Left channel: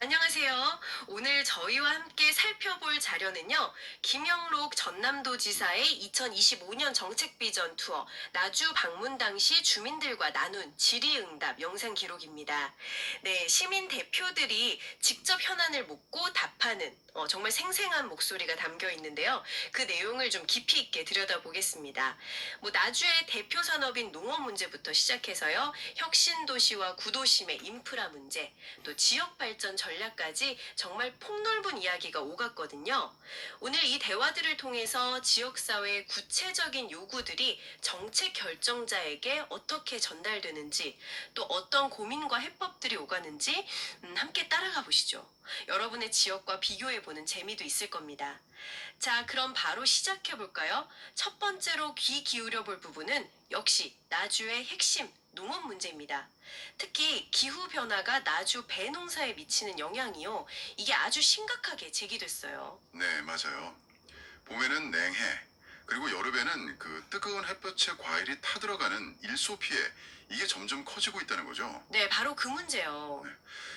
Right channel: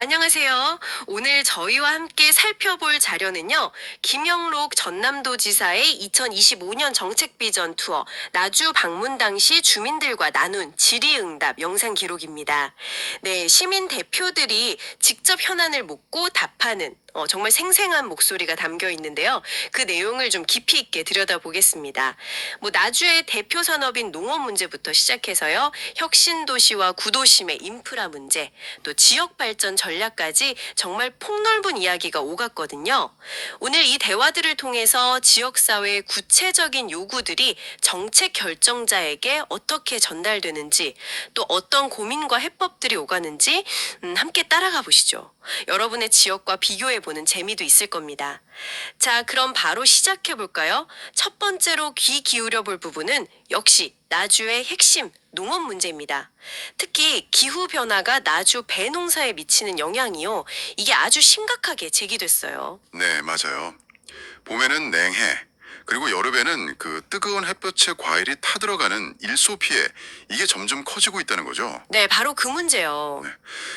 안녕하세요. 오늘 저희와 함께 살펴볼 자료는요, 김영록 전남도지사의 2025년 정책비전 투어, 나주 방문 당시 주민들과 나눈 질의응답 영상 기록입니다. 네, 시민 대표들이 직접 현안을 묻고 답하는 정말 생생한 목소리가 담겨 있는데요. 그 내용을 좀 깊이 있게 들여다보겠습니다. 나주의 대표 산업인 농업 문제부터 시작해서요, 혁신 도시와 구도심의 인프라 문제, 또 지역 발전 전략까지 정말 폭넓은 이야기가 오갔거든요. 오늘 이 대화들을 통해서 지역사회의 구체적인 요구들이 정책 결정자에게 어떻게 전달되는지, 또 어떤 고민과 해법들이 오가는지 함께 따라가 보시죠. 여러분의 지역과 비교해 보는 재미도 있을 겁니다. 자, 그럼 바로 시작해 볼까요? 첫 번째로 귀 기울여 볼 부분은 역시 나주의 핵심 농업 문제입니다. 특히 기후 변화가 나주 배농사에 미치는 영향이요. 이게 아주 심각하게 제기됐어요. 네, 맞아요. 봄에는 냉해, 그리고 여름에는 그 뜨거운 햇볕에 과일이 타들어가는 일소 피해, 이게 점점 커지고 있다는 거죠. 네, 바로 그 문제요. 네.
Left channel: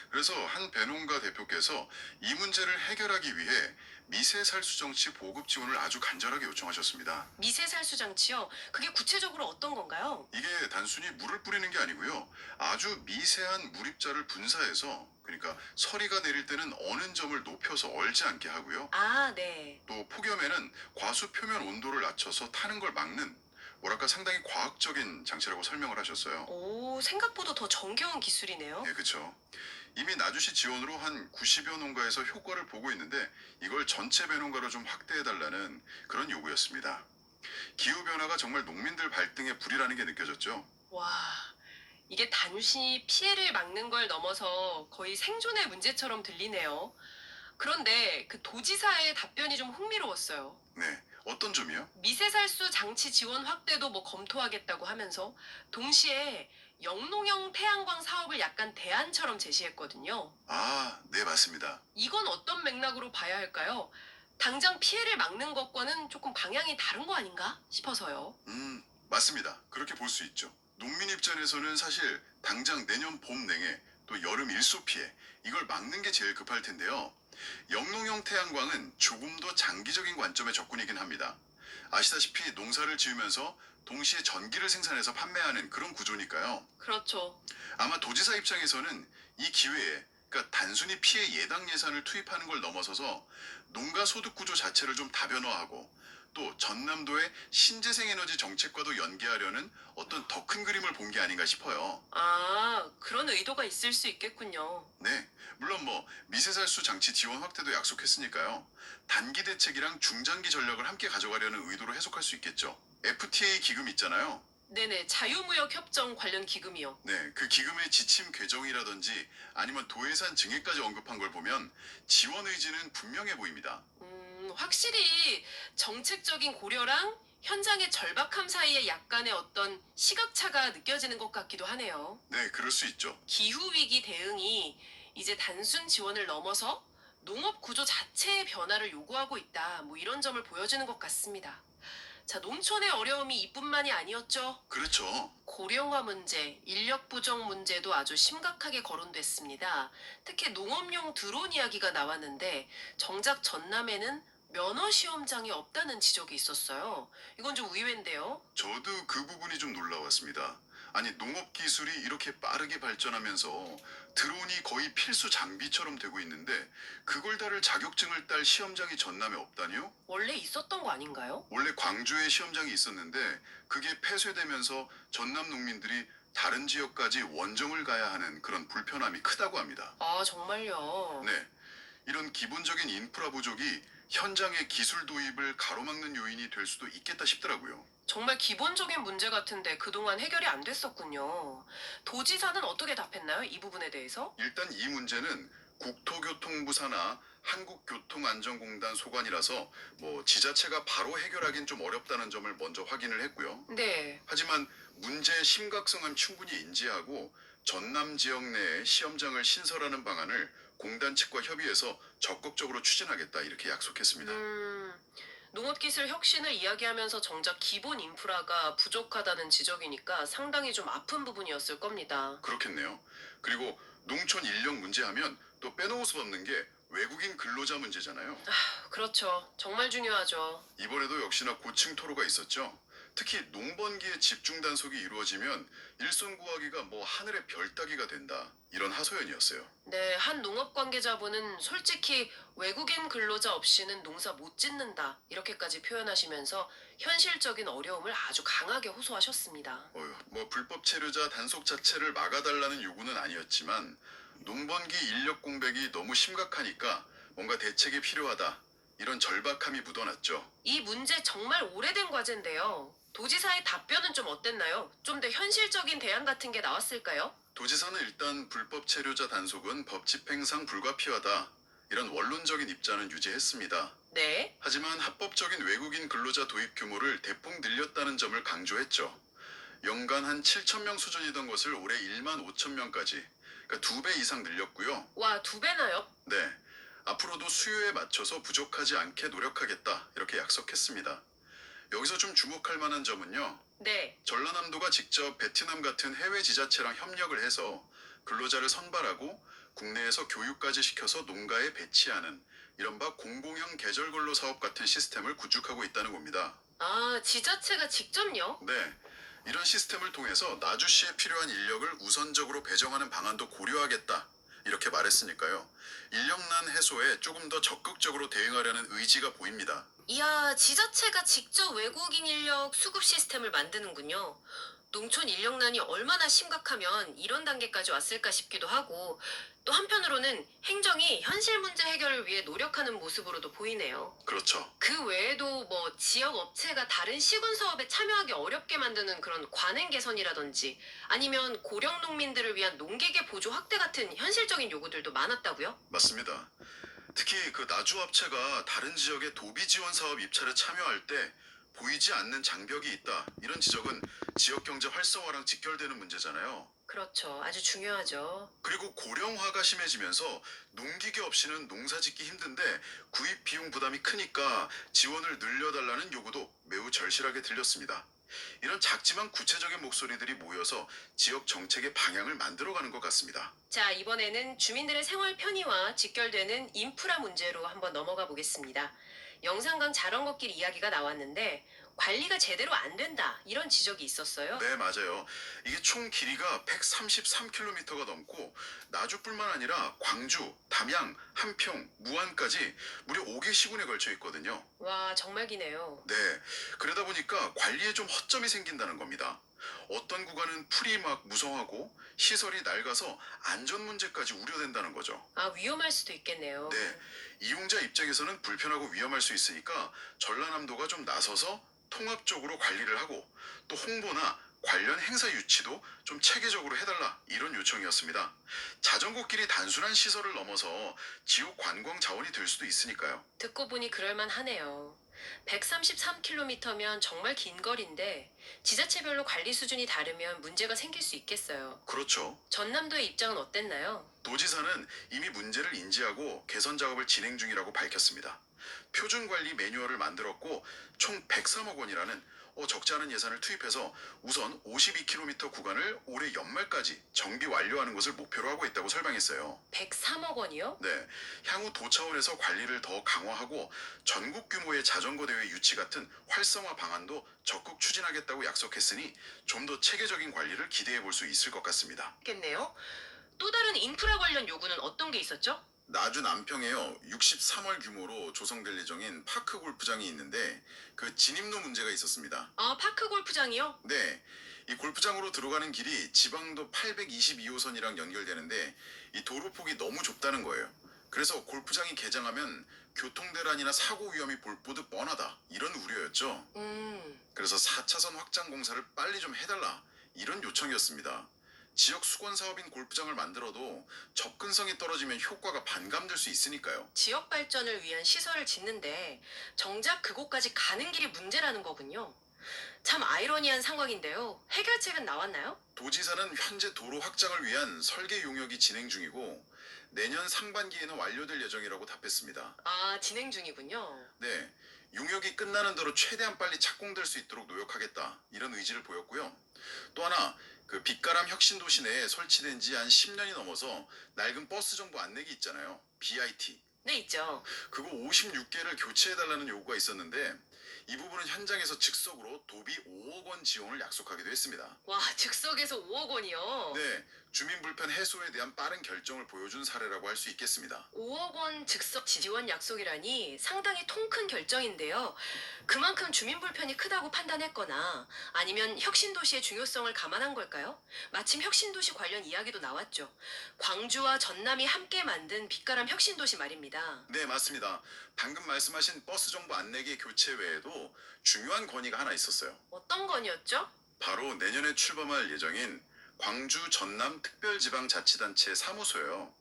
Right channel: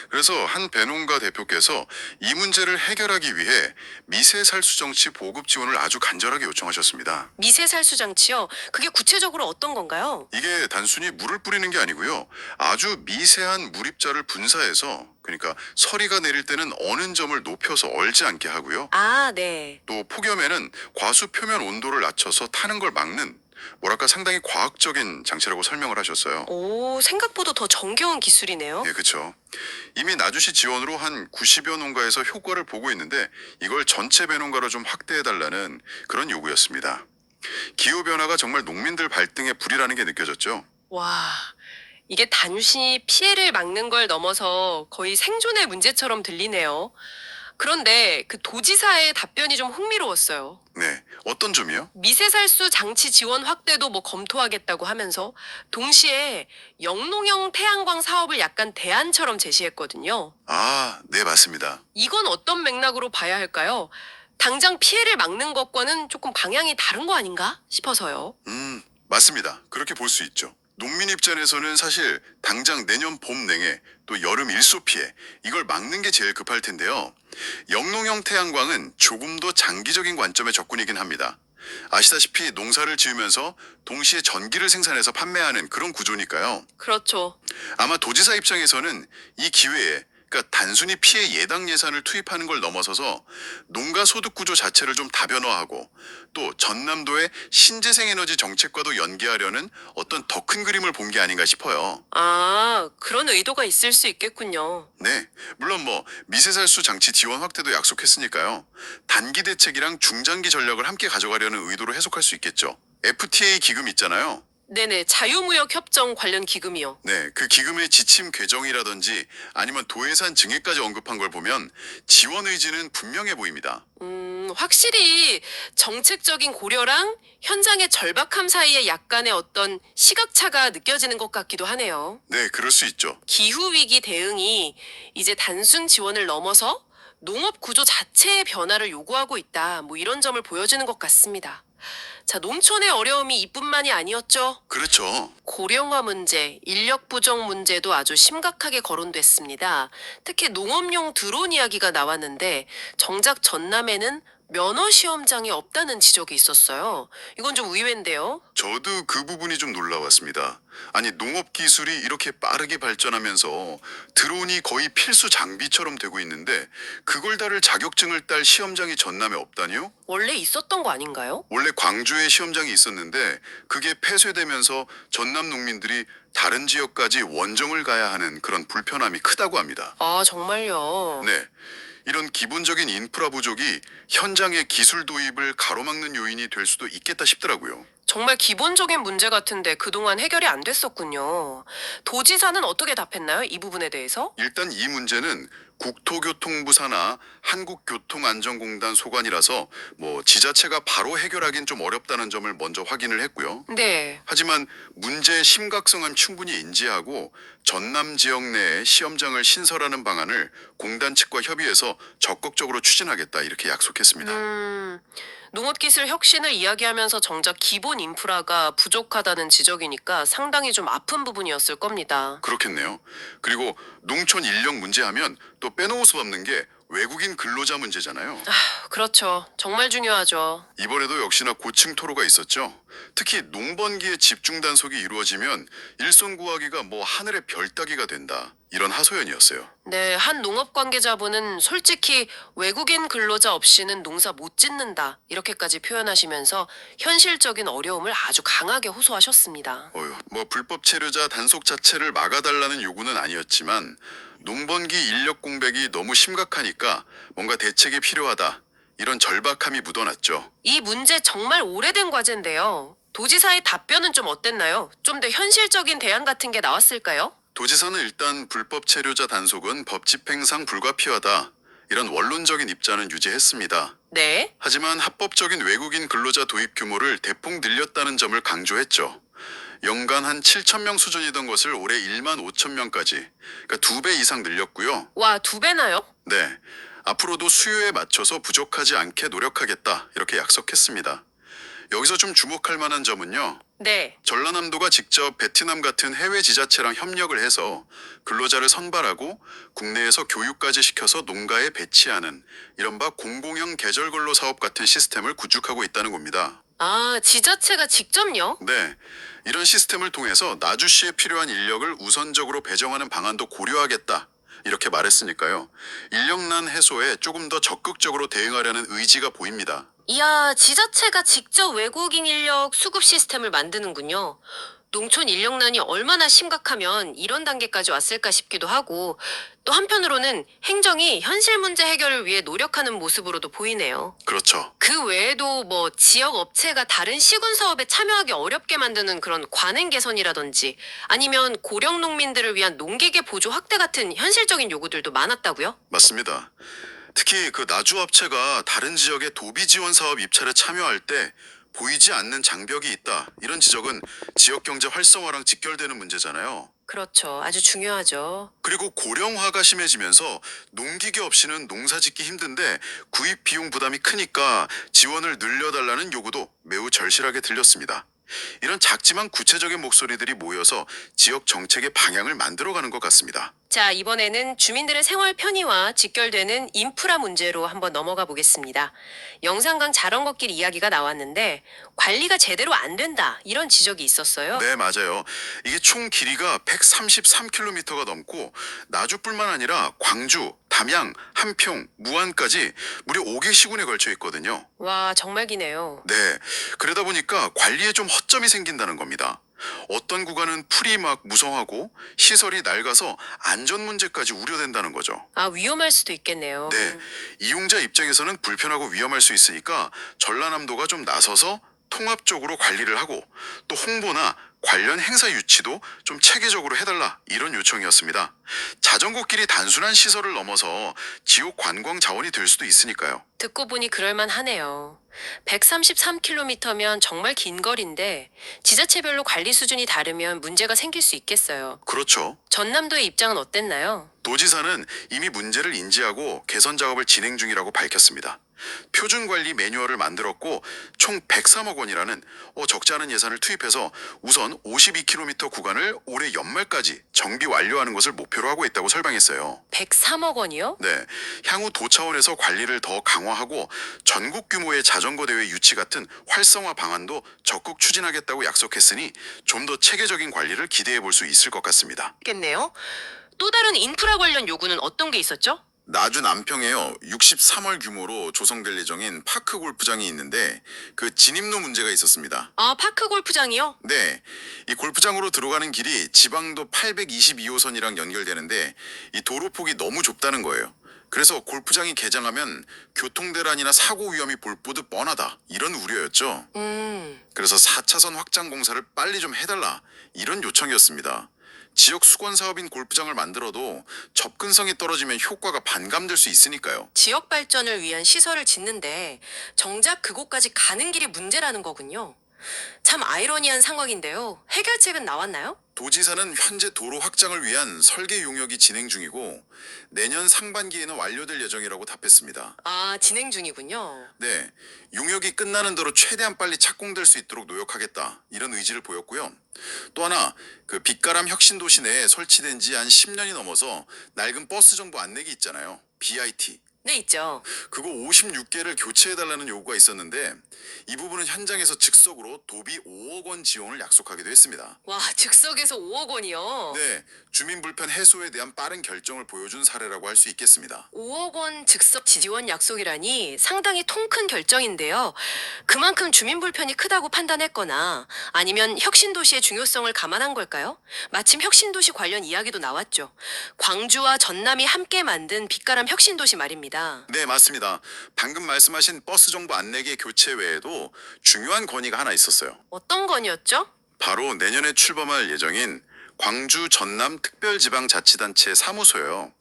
그래서 한 배농가 대표께서 이 문제를 해결하기 위해 미세살수 정치 보급 지원을 아주 간절하게 요청하셨습니다. 미세살수 장치요. 그게 구체적으로 어떤 건가요? 이게 단순히 물을 뿌리는 게 아니고요. 아주 미세한 물입자를 분사해서, 그러니까 서리가 내릴 때는 어는 점을 높여서 얼지 않게 하고요. 아, 네. 또 폭염에는 과수 표면 온도를 낮춰서 타는 걸 막는, 뭐랄까 상당히 과학적인 장치라고 설명을 하셨어요. 오, 생각보다 더 정겨운 기술이네요. 예, 그렇죠. 이미 나주시 지원으로 한 90여 농가에서 효과를 보고 있는데 이걸 전체 배농가로 좀 확대해 달라는 그런 요구였습니다. 기후 변화가 정말 농민들 발등에 불이라는 게 느껴졌죠. 와, 이게 단순히 피해를 막는 걸 넘어서 거의 생존의 문제처럼 들리네요. 그런데 그 도지사의 답변이 좀 흥미로웠어요. 네, 어떤 점이요? 미세살수 장치 지원 확대도 검토하겠다고 하면서 동시에 영농형 태양광 사업을 약간 대안처럼 제시했거든요. 아, 네, 맞습니다. 이건 어떤 맥락으로 봐야 할까요? 당장 피해를 막는 것과는 조금 방향이 다른 거 아닌가 싶어서요. 맞습니다. 그렇게 볼 수 있죠. 농민 입장에서는 사실 당장 내년 봄 냉해 또 여름 일소 피해 이걸 막는 게 제일 급할 텐데요. 영농형 태양광은 조금 더 장기적인 관점의 접근이긴 합니다. 아시다시피 농사를 지으면서 동시에 전기를 생산해서 판매하는 그런 구조니까요. 그렇죠. 아마 도지사 입장에서는 이 기회에, 그러니까 단순히 피해 예당 예산을 투입하는 걸 넘어서서 농가 소득 구조 자체를 좀 다변화하고 또 전남도의 신재생 에너지 정책과도 연계하려는 어떤 더 큰 그림을 본 게 아닌가 싶어요. 아, 그런 의도가 있을 수 있겠군요. 네, 물론 뭐 미세살수 장치 지원 확대도 약속했으니까요. 단기 대책이랑 중장기 전략을 함께 가져가려는 의도로 해석할 수 있겠죠. FTA 기금 있잖아요. 네네, 자유무역 협정 관련 기금이요. 네, 그 기금의 지침 개정이라든지 아니면 도예산 증액까지 언급한 걸 보면 지원 의지는 분명해 보입니다. 확실히 정책적인 고려랑 현장의 절박함 사이에 약간의 어떤 시각차가 느껴지는 것 같기도 하네요. 네, 그럴 수 있죠. 기후위기 대응이 이제 단순 지원을 넘어서 농업 구조 자체의 변화를 요구하고 있다. 이런 점을 보여주는 것 같습니다. 자, 농촌의 어려움이 이뿐만이 아니었죠. 그렇죠. 고령화 문제, 인력 부족 문제도 아주 심각하게 거론됐습니다. 특히 농업용 드론 이야기가 나왔는데 정작 전남에는 면허 시험장이 없다는 지적이 있었어요. 이건 좀 의외인데요. 저도 그 부분이 좀 놀라웠습니다. 아니, 농업 기술이 이렇게 빠르게 발전하면서 드론이 거의 필수 장비처럼 되고 있는데 그걸 다룰 자격증을 딸 시험장이 전남에 없다니요? 원래 있었던 거 아닌가요? 원래 광주에 시험장이 있었는데 그게 폐쇄되면서 전남 농민들이 다른 지역까지 원정을 가야 하는 그런 불편함이 크다고 합니다. 아, 정말요. 네. 이런 기본적인 인프라 부족이 현장의 기술 도입을 가로막는 요인이 될 수도 있겠다 싶더라고요. 정말 기본적인 문제 같은데 그동안 해결이 안 됐었군요. 도지사는 어떻게 답했나요? 이 부분에 대해서? 일단 이 문제는 국토교통부 산하 한국교통안전공단 소관이라서 뭐 지자체가 바로 해결하긴 좀 어렵다는 점을 먼저 확인을 했고요. 네. 하지만 문제의 심각성은 충분히 인지하고 전남 지역 내에 시험장을 신설하는 방안을 공단 측과 협의해서 적극적으로 추진하겠다 이렇게 약속했습니다. 음, 농업기술 혁신을 이야기하면서 정작 기본 인프라가 부족하다는 지적이니까 상당히 좀 아픈 부분이었을 겁니다. 그렇겠네요. 그리고 농촌 인력 문제하면 또 빼놓을 수 없는 게 외국인 근로자 문제잖아요. 그렇죠. 정말 중요하죠. 이번에도 역시나 고층 토로가 있었죠. 특히 농번기에 집중 단속이 이루어지면 일손 구하기가 뭐 하늘의 별 따기가 된다. 이런 하소연이었어요. 네, 한 농업 관계자분은 솔직히 외국인 근로자 없이는 농사 못 짓는다. 이렇게까지 표현하시면서 현실적인 어려움을 아주 강하게 호소하셨습니다. 뭐 불법 체류자 단속 자체를 막아달라는 요구는 아니었지만 농번기 인력 공백이 너무 심각하니까 뭔가 대책이 필요하다. 이런 절박함이 묻어났죠. 이 문제 정말 오래된 과제인데요. 도지사의 답변은 좀 어땠나요? 좀 더 현실적인 대안 같은 게 나왔을까요? 도지사는 일단 불법 체류자 단속은 법 집행상 불가피하다. 이런 원론적인 입장은 유지했습니다. 네. 하지만 합법적인 외국인 근로자 도입 규모를 대폭 늘렸다는 점을 강조했죠. 연간 한 7천 명 수준이던 것을 올해 1만 5천 명까지, 그러니까 2배 이상 늘렸고요. 와, 2배나요? 네, 앞으로도 수요에 맞춰서 부족하지 않게 노력하겠다 이렇게 약속했습니다. 여기서 좀 주목할 만한 점은요. 네. 전라남도가 직접 베트남 같은 해외 지자체랑 협력을 해서 근로자를 선발하고 국내에서 교육까지 시켜서 농가에 배치하는 이른바 공공형 계절근로 사업 같은 시스템을 구축하고 있다는 겁니다. 아, 지자체가 직접요? 네, 이런 시스템을 통해서 나주시에 필요한 인력을 우선적으로 배정하는 방안도 고려하겠다. 이렇게 말했으니까요. 인력난 해소에 조금 더 적극적으로 대응하려는 의지가 보입니다. 이야, 지자체가 직접 외국인 인력 수급 시스템을 만드는군요. 농촌 인력난이 얼마나 심각하면 이런 단계까지 왔을까 싶기도 하고, 또 한편으로는 행정이 현실 문제 해결을 위해 노력하는 모습으로도 보이네요. 그렇죠. 그 외에도 뭐 지역 업체가 다른 시군 사업에 참여하기 어렵게 만드는 그런 관행 개선이라든지 아니면 고령 농민들을 위한 농기계 보조 확대 같은 현실적인 요구들도 많았다고요? 맞습니다. 특히 그 나주 업체가 다른 지역의 도비 지원 사업 입찰에 참여할 때 보이지 않는 장벽이 있다. 이런 지적은 지역 경제 활성화랑 직결되는 문제잖아요. 그렇죠. 아주 중요하죠. 그리고 고령화가 심해지면서 농기계 없이는 농사 짓기 힘든데 구입 비용 부담이 크니까 지원을 늘려달라는 요구도 매우 절실하게 들렸습니다. 이런 작지만 구체적인 목소리들이 모여서 지역 정책의 방향을 만들어가는 것 같습니다. 자, 이번에는 주민들의 생활 편의와 직결되는 인프라 문제로 한번 넘어가 보겠습니다. 영산강 자전거길 이야기가 나왔는데 관리가 제대로 안 된다 이런 지적이 있었어요. 네, 맞아요. 이게 총 길이가 133km가 넘고 나주뿐만 아니라 광주, 담양, 한평, 무안까지 무려 5개 시군에 걸쳐 있거든요. 와, 정말 기네요. 네, 그러다 보니까 관리에 좀 허점이 생긴다는 겁니다. 어떤 구간은 풀이 막 무성하고 시설이 낡아서 안전 문제까지 우려된다는 거죠. 아, 위험할 수도 있겠네요. 네, 이용자 입장에서는 불편하고 위험할 수 있으니까 전라남도가 좀 나서서 통합적으로 관리를 하고 또 홍보나 관련 행사 유치도 좀 체계적으로 해달라 이런 요청이었습니다. 자전거길이 단순한 시설을 넘어서 지역 관광 자원이 될 수도 있으니까요. 듣고 보니 그럴만 하네요. 133km면 정말 긴 거리인데 지자체별로 관리 수준이 다르면 문제가 생길 수 있겠어요. 그렇죠. 전남도의 입장은 어땠나요? 도지사는 이미 문제를 인지하고 개선 작업을 진행 중이라고 밝혔습니다. 표준 관리 매뉴얼을 만들었고 총 103억 원이라는 적지 않은 예산을 투입해서 우선 52km 구간을 올해 연말까지 정비 완료하는 것을 목표로 하고 있다고 설명했어요. 103억 원이요? 네, 향후 도 차원에서 관리를 더 강화하고 전국 규모의 자전거 대회 유치 같은 활성화 방안도 적극 추진하겠다고 약속했으니 좀 더 체계적인 관리를 기대해 볼 수 있을 것 같습니다. 겠네요. 또 다른 인프라 관련 요구는 어떤 게 있었죠? 나주 남평에요. 63월 규모로 조성될 예정인 파크 골프장이 있는데 그 진입로 문제가 있었습니다. 아, 파크 골프장이요? 네, 이 골프장으로 들어가는 길이 지방도 822호선이랑 연결되는데 이 도로폭이 너무 좁다는 거예요. 그래서 골프장이 개장하면 교통대란이나 사고 위험이 볼보듯 뻔하다 이런 우려였죠. 그래서 4차선 확장 공사를 빨리 좀 해달라 이런 요청이었습니다. 지역 수건 사업인 골프장을 만들어도 접근성이 떨어지면 효과가 반감될 수 있으니까요. 지역 발전을 위한 시설을 짓는데 정작 그곳까지 가는 길이 문제라는 거군요. 참 아이러니한 상황인데요. 해결책은 나왔나요? 도지사는 현재 도로 확장을 위한 설계 용역이 진행 중이고 내년 상반기에는 완료될 예정이라고 답했습니다. 아, 진행 중이군요. 네, 용역이 끝나는 대로 최대한 빨리 착공될 수 있도록 노력하겠다 이런 의지를 보였고요. 또 하나 그 빛가람 혁신도시 내에 설치된 지 한 10년이 넘어서 낡은 버스 정보 안내기 있잖아요. BIT. 네, 있죠. 그거 56개를 교체해달라는 요구가 있었는데 이 부분은 현장에서 즉석으로 도비 5억 원 지원을 약속하기도 했습니다. 와, 즉석에서 5억 원이요. 네, 주민 불편 해소에 대한 빠른 결정을 보여준 사례라고 할 수 있겠습니다. 5억 원 즉석 지원 약속이라니 상당히 통 큰 결정인데요. 그만큼 주민 불편이 크다고 판단했거나 아니면 혁신도시의 중요성을 감안한 걸까요? 마침 혁신도시 관련 이야기도 나왔죠. 광주와 전남이 함께 만든 빛가람 혁신도시 말입니다. 네, 맞습니다. 방금 말씀하신 버스 정보 안내기 교체 외에도 중요한 건의가 하나 있었어요. 어떤 건이었죠? 바로 내년에 출범할 예정인 광주 전남 특별지방자치단체 사무소요.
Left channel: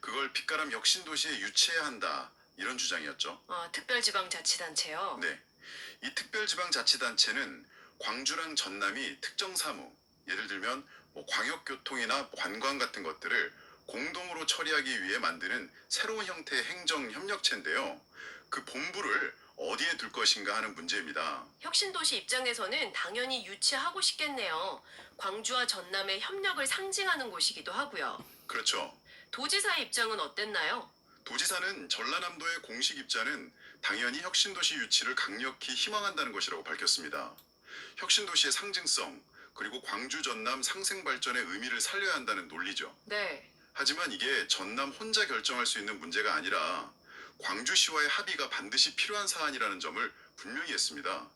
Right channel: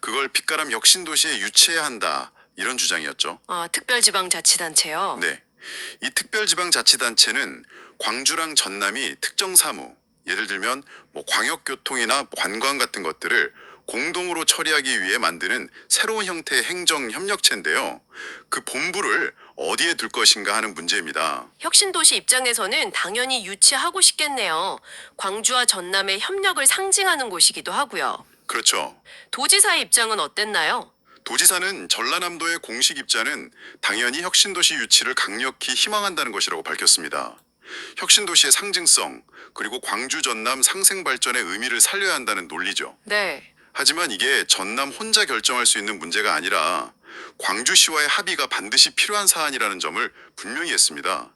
그걸 빛가람 혁신도시에 유치해야 한다. 이런 주장이었죠. 아, 특별지방자치단체요. 네. 이 특별지방자치단체는 광주랑 전남이 특정 사무, 예를 들면 뭐 광역교통이나 관광 같은 것들을 공동으로 처리하기 위해 만드는 새로운 형태의 행정협력체인데요. 그 본부를 어디에 둘 것인가 하는 문제입니다. 혁신도시 입장에서는 당연히 유치하고 싶겠네요. 광주와 전남의 협력을 상징하는 곳이기도 하고요. 그렇죠. 도지사의 입장은 어땠나요? 도지사는 전라남도의 공식 입장은 당연히 혁신도시 유치를 강력히 희망한다는 것이라고 밝혔습니다. 혁신도시의 상징성, 그리고 광주 전남 상생 발전의 의미를 살려야 한다는 논리죠. 네. 하지만 이게 전남 혼자 결정할 수 있는 문제가 아니라 광주시와의 합의가 반드시 필요한 사안이라는 점을 분명히 했습니다.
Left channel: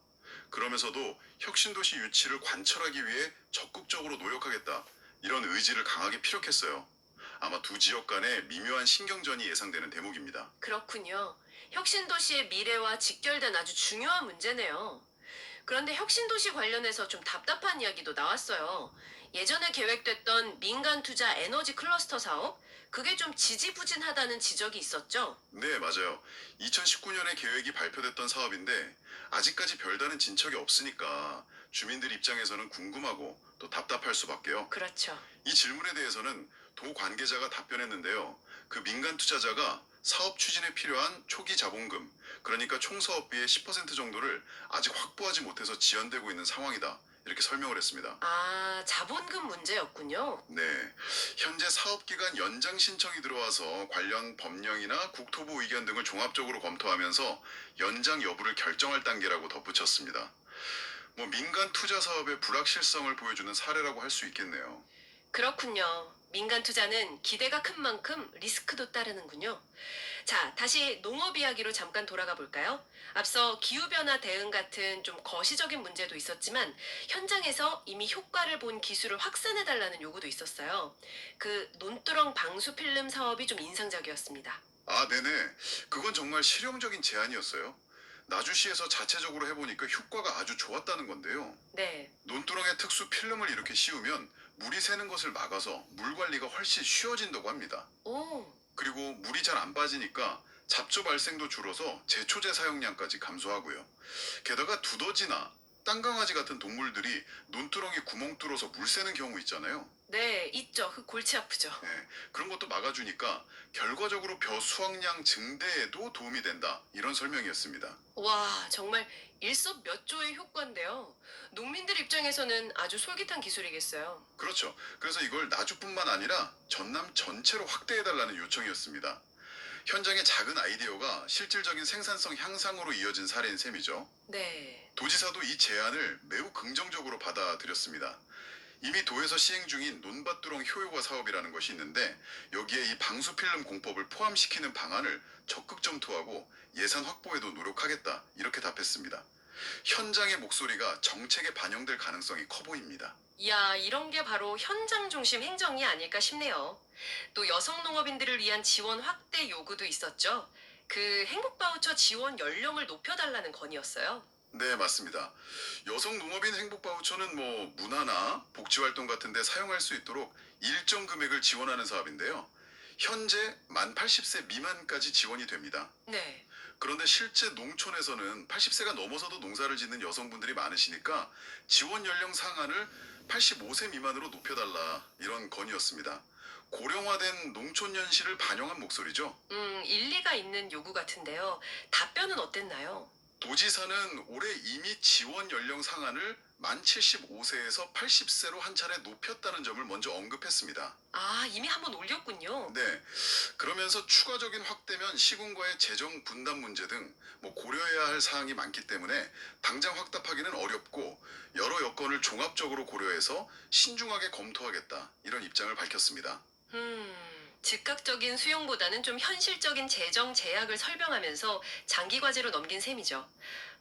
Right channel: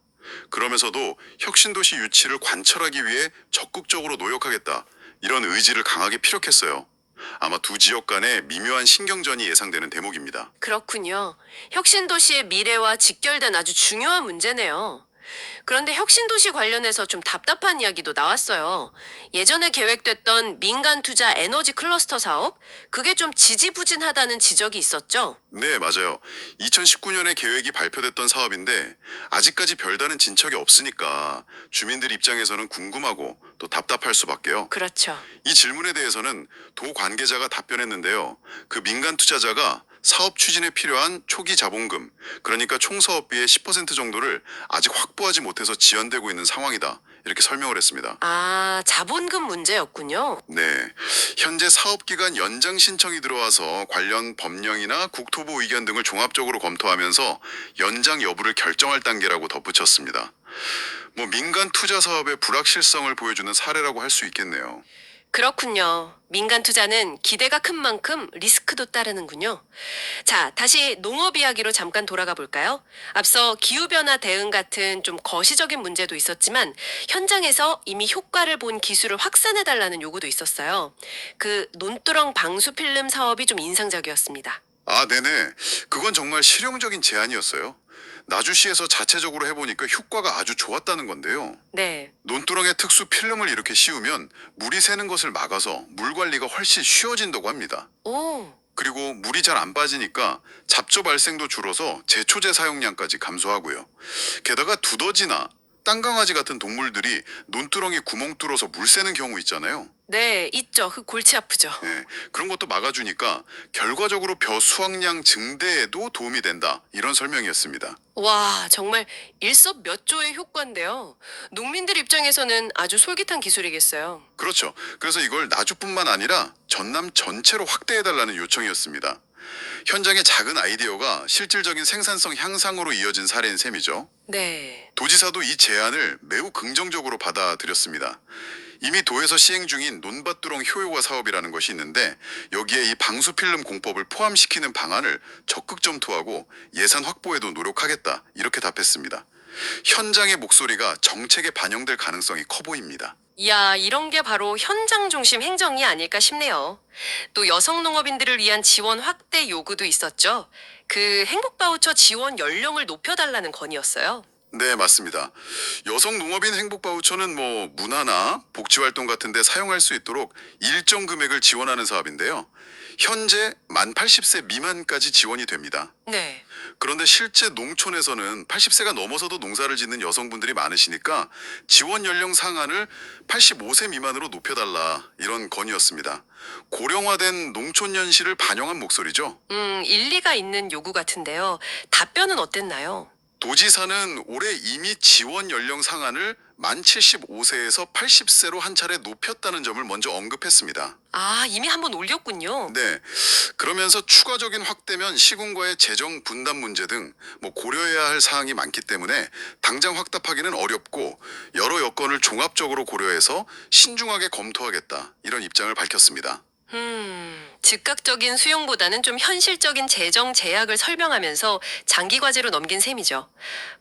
그러면서도 혁신도시 유치를 관철하기 위해 적극적으로 노력하겠다. 이런 의지를 강하게 피력했어요. 아마 두 지역 간의 미묘한 신경전이 예상되는 대목입니다. 그렇군요. 혁신도시의 미래와 직결된 아주 중요한 문제네요. 그런데 혁신도시 관련해서 좀 답답한 이야기도 나왔어요. 예전에 계획됐던 민간 투자 에너지 클러스터 사업, 그게 좀 지지부진하다는 지적이 있었죠. 네, 맞아요. 2019년에 계획이 발표됐던 사업인데 아직까지 별다른 진척이 없으니까 주민들 입장에서는 궁금하고 또 답답할 수밖에요. 그렇죠. 이 질문에 대해서는 도 관계자가 답변했는데요. 그 민간 투자자가 사업 추진에 필요한 초기 자본금, 그러니까 총 사업비의 10% 정도를 아직 확보하지 못해서 지연되고 있는 상황이다. 이렇게 설명을 했습니다. 아, 자본금 문제였군요. 네. 현재 사업기간 연장 신청이 들어와서 관련 법령이나 국토부 의견 등을 종합적으로 검토하면서 연장 여부를 결정할 단계라고 덧붙였습니다. 뭐 민간 투자 사업의 불확실성을 보여주는 사례라고 할 수 있겠네요. 그렇군요. 민간 투자는 기대가 큰 만큼 리스크도 따르는군요. 자, 다시 농업 이야기로 잠깐 돌아가 볼까요? 앞서 기후변화 대응 같은 좀 거시적인 문제도 있었지만 현장에서 이미 효과를 본 기술을 확산해달라는 요구도 있었어요. 그 논두렁 방수 필름 사업이 좀 인상적이었습니다. 아, 네네. 그건 정말 실용적인 제안이었어요. 나주시에서 자체적으로 해보니까 효과가 아주 좋았다는 건데요. 네. 논두렁에 특수 필름을 이렇게 씌우면 물이 새는 것을 막아서 물 관리가 훨씬 쉬워진다고 합니다. 오, 그리고 물이 잘 안 빠지니까 잡초 발생도 줄어서 제초제 사용량까지 감소하고요. 게다가 두더지나 땅강아지 같은 동물들이 논두렁에 구멍 뚫어서 물 새는 경우 있잖아요. 네, 있죠. 그 골치 아프죠. 예, 그런 것도 막아주니까 결과적으로 벼 수확량 증대에도 도움이 된다. 이런 설명이었습니다. 와, 정말 일석몇조의 효과인데요. 농민들 입장에서는 아주 솔깃한 기술이겠어요. 그렇죠. 그래서 이걸 나주뿐만 아니라 전남 전체로 확대해달라는 요청이었습니다. 현장의 작은 아이디어가 실질적인 생산성 향상으로 이어진 사례인 셈이죠. 네. 도지사도 이 제안을 매우 긍정적으로 받아들였습니다. 이미 도에서 시행 중인 논밭두렁 효요가 사업이라는 것이 있는데 여기에 이 방수필름 공법을 포함시키는 방안을 적극 검토하고 예산 확보에도 노력하겠다 이렇게 답했습니다. 현장의 목소리가 정책에 반영될 가능성이 커 보입니다. 이야, 이런 게 바로 현장 중심 행정이 아닐까 싶네요. 또 여성 농업인들을 위한 지원 확대 요구도 있었죠. 그 행복바우처 지원 연령을 높여달라는 건이었어요. 네, 맞습니다. 여성 농업인 행복 바우처는 뭐 문화나 복지 활동 같은 데 사용할 수 있도록 일정 금액을 지원하는 사업인데요. 현재 만 80세 미만까지 지원이 됩니다. 네. 그런데 실제 농촌에서는 80세가 넘어서도 농사를 짓는 여성분들이 많으시니까 지원 연령 상한을 85세 미만으로 높여달라 이런 건의였습니다. 고령화된 농촌 현실을 반영한 목소리죠. 일리가 있는 요구 같은데요. 답변은 어땠나요? 도지사는 올해 이미 지원 연령 상한을 만 75세에서 80세로 한 차례 높였다는 점을 먼저 언급했습니다. 아, 이미 한번 올렸군요. 네. 그러면서 추가적인 확대면 시군과의 재정 분담 문제 등 고려해야 할 사항이 많기 때문에 당장 확답하기는 어렵고 여러 여건을 종합적으로 고려해서 신중하게 검토하겠다 이런 입장을 밝혔습니다. 즉각적인 수용보다는 좀 현실적인 재정 제약을 설명하면서 장기 과제로 넘긴 셈이죠.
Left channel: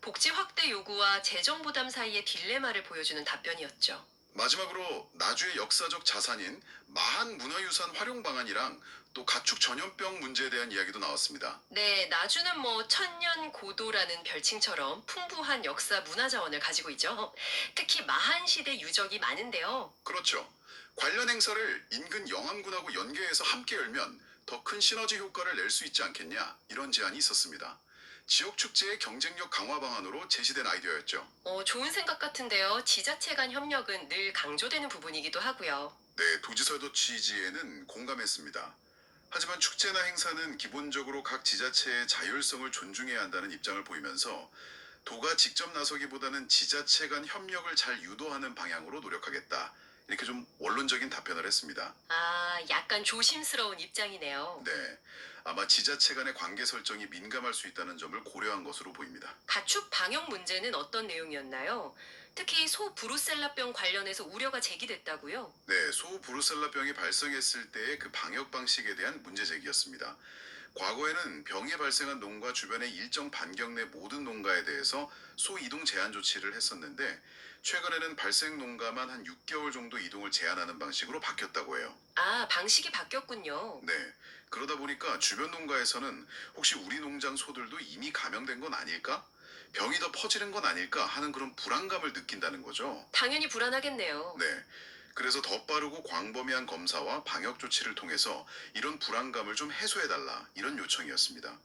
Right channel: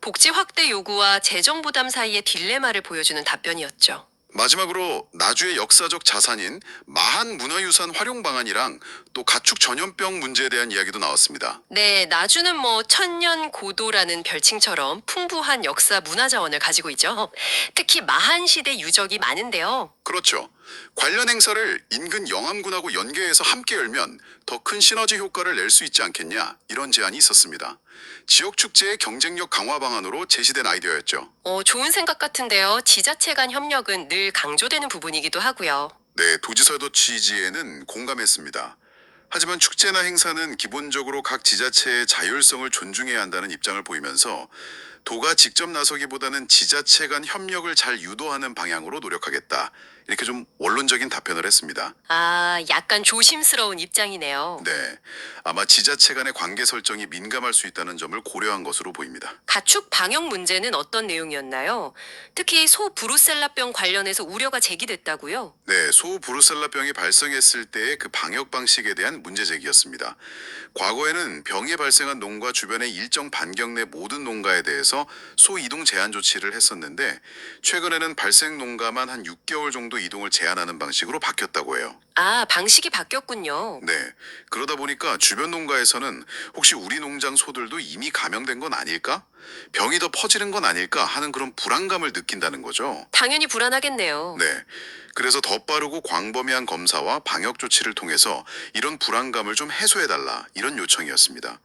복지 확대 요구와 재정 부담 사이의 딜레마를 보여주는 답변이었죠. 마지막으로 나주의 역사적 자산인 마한 문화유산 활용 방안이랑 또 가축 전염병 문제에 대한 이야기도 나왔습니다. 네, 나주는 뭐 천년 고도라는 별칭처럼 풍부한 역사 문화 자원을 가지고 있죠. 특히 마한 시대 유적이 많은데요. 그렇죠. 관련 행사를 인근 영암군하고 연계해서 함께 열면 더 큰 시너지 효과를 낼 수 있지 않겠냐 이런 제안이 있었습니다. 지역 축제의 경쟁력 강화 방안으로 제시된 아이디어였죠. 좋은 생각 같은데요. 지자체 간 협력은 늘 강조되는 부분이기도 하고요. 네, 도지사도 취지에는 공감했습니다. 하지만 축제나 행사는 기본적으로 각 지자체의 자율성을 존중해야 한다는 입장을 보이면서 도가 직접 나서기보다는 지자체 간 협력을 잘 유도하는 방향으로 노력하겠다. 이렇게 좀 원론적인 답변을 했습니다. 아, 약간 조심스러운 입장이네요. 네, 아마 지자체 간의 관계 설정이 민감할 수 있다는 점을 고려한 것으로 보입니다. 가축 방역 문제는 어떤 내용이었나요? 특히 소 브루셀라병 관련해서 우려가 제기됐다고요? 네, 소 브루셀라병이 발생했을 때의 그 방역 방식에 대한 문제 제기였습니다. 과거에는 병이 발생한 농가 주변의 일정 반경 내 모든 농가에 대해서 소 이동 제한 조치를 했었는데 최근에는 발생 농가만 한 6개월 정도 이동을 제한하는 방식으로 바뀌었다고 해요. 아, 방식이 바뀌었군요. 네, 그러다 보니까 주변 농가에서는 혹시 우리 농장 소들도 이미 감염된 건 아닐까? 병이 더 퍼지는 건 아닐까 하는 그런 불안감을 느낀다는 거죠. 당연히 불안하겠네요. 네. 그래서 더 빠르고 광범위한 검사와 방역 조치를 통해서 이런 불안감을 좀 해소해달라 이런 요청이었습니다.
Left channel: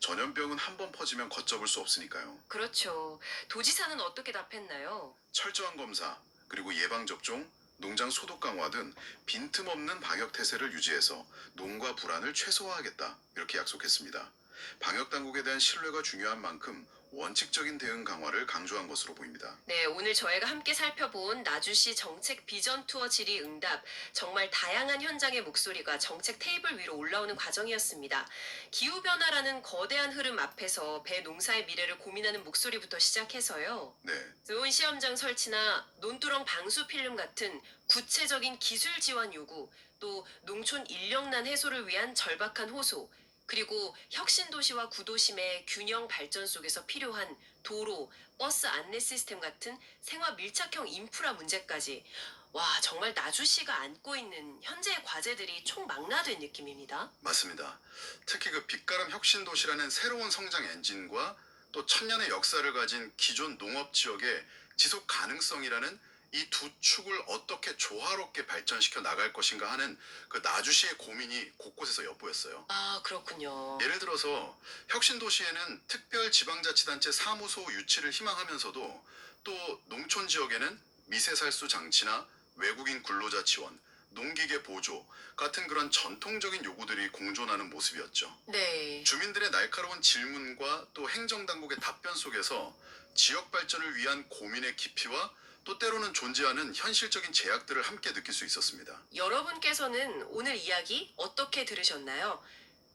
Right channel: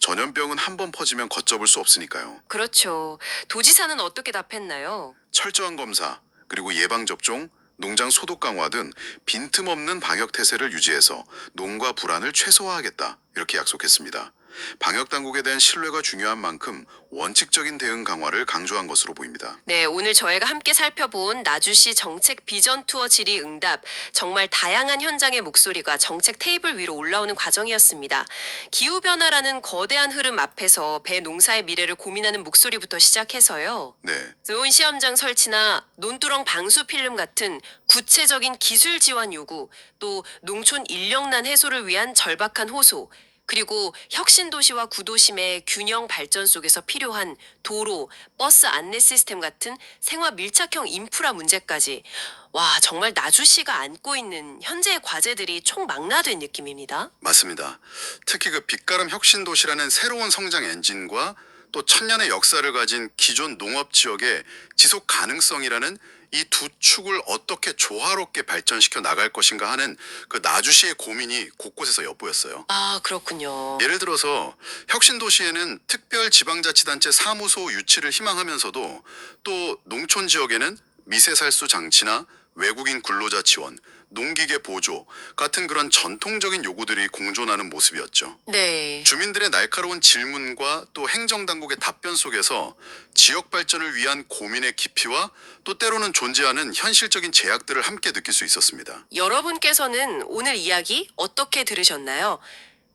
전염병은 한 번 퍼지면 걷잡을 수 없으니까요. 그렇죠. 도지사는 어떻게 답했나요? 철저한 검사, 그리고 예방접종, 농장 소독 강화 등 빈틈없는 방역 태세를 유지해서 농가 불안을 최소화하겠다 이렇게 약속했습니다. 방역 당국에 대한 신뢰가 중요한 만큼 원칙적인 대응 강화를 강조한 것으로 보입니다. 네, 오늘 저희가 함께 살펴본 나주시 정책 비전 투어 질의응답, 정말 다양한 현장의 목소리가 정책 테이블 위로 올라오는 과정이었습니다. 기후변화라는 거대한 흐름 앞에서 배 농사의 미래를 고민하는 목소리부터 시작해서요. 네, 드론 시험장 설치나 논두렁 방수 필름 같은 구체적인 기술 지원 요구, 또 농촌 인력난 해소를 위한 절박한 호소, 그리고 혁신 도시와 구도심의 균형 발전 속에서 필요한 도로, 버스 안내 시스템 같은 생활 밀착형 인프라 문제까지 와, 정말 나주시가 안고 있는 현재의 과제들이 총망라된 느낌입니다. 맞습니다. 특히 그 빛가람 혁신 도시라는 새로운 성장 엔진과 또 천년의 역사를 가진 기존 농업 지역의 지속 가능성이라는 이 두 축을 어떻게 조화롭게 발전시켜 나갈 것인가 하는 그 나주시의 고민이 곳곳에서 엿보였어요. 아, 그렇군요. 예를 들어서 혁신 도시에는 특별 지방자치단체 사무소 유치를 희망하면서도 또 농촌 지역에는 미세살수 장치나 외국인 근로자 지원, 농기계 보조 같은 그런 전통적인 요구들이 공존하는 모습이었죠. 네. 주민들의 날카로운 질문과 또 행정당국의 답변 속에서 지역 발전을 위한 고민의 깊이와 또 때로는 존재하는 현실적인 제약들을 함께 느낄 수 있었습니다. 여러분께서는 오늘 이야기 어떻게 들으셨나요?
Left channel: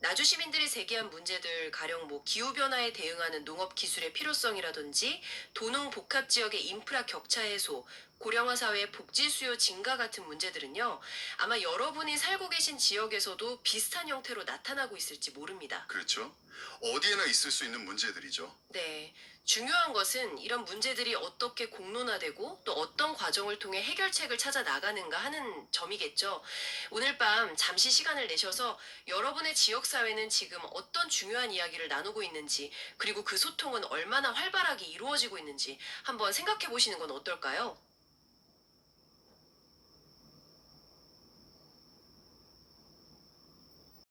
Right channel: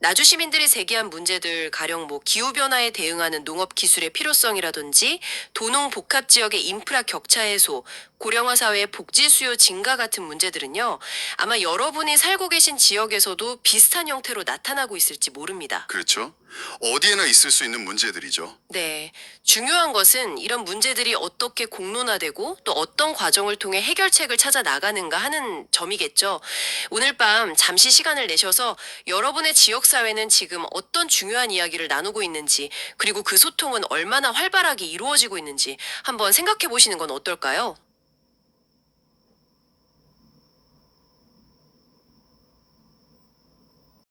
나주 시민들이 제기한 문제들 가령 뭐 기후 변화에 대응하는 농업 기술의 필요성이라든지 도농 복합 지역의 인프라 격차 해소, 고령화 사회의 복지 수요 증가 같은 문제들은요. 아마 여러분이 살고 계신 지역에서도 비슷한 형태로 나타나고 있을지 모릅니다. 그렇죠? 어디에나 있을 수 있는 문제들이죠. 네. 중요한 것은 이런 문제들이 어떻게 공론화되고 또 어떤 과정을 통해 해결책을 찾아 나가는가 하는 점이겠죠. 오늘 밤 잠시 시간을 내셔서 여러분의 지역사회는 지금 어떤 중요한 이야기를 나누고 있는지, 그리고 그 소통은 얼마나 활발하게 이루어지고 있는지 한번 생각해 보시는 건 어떨까요?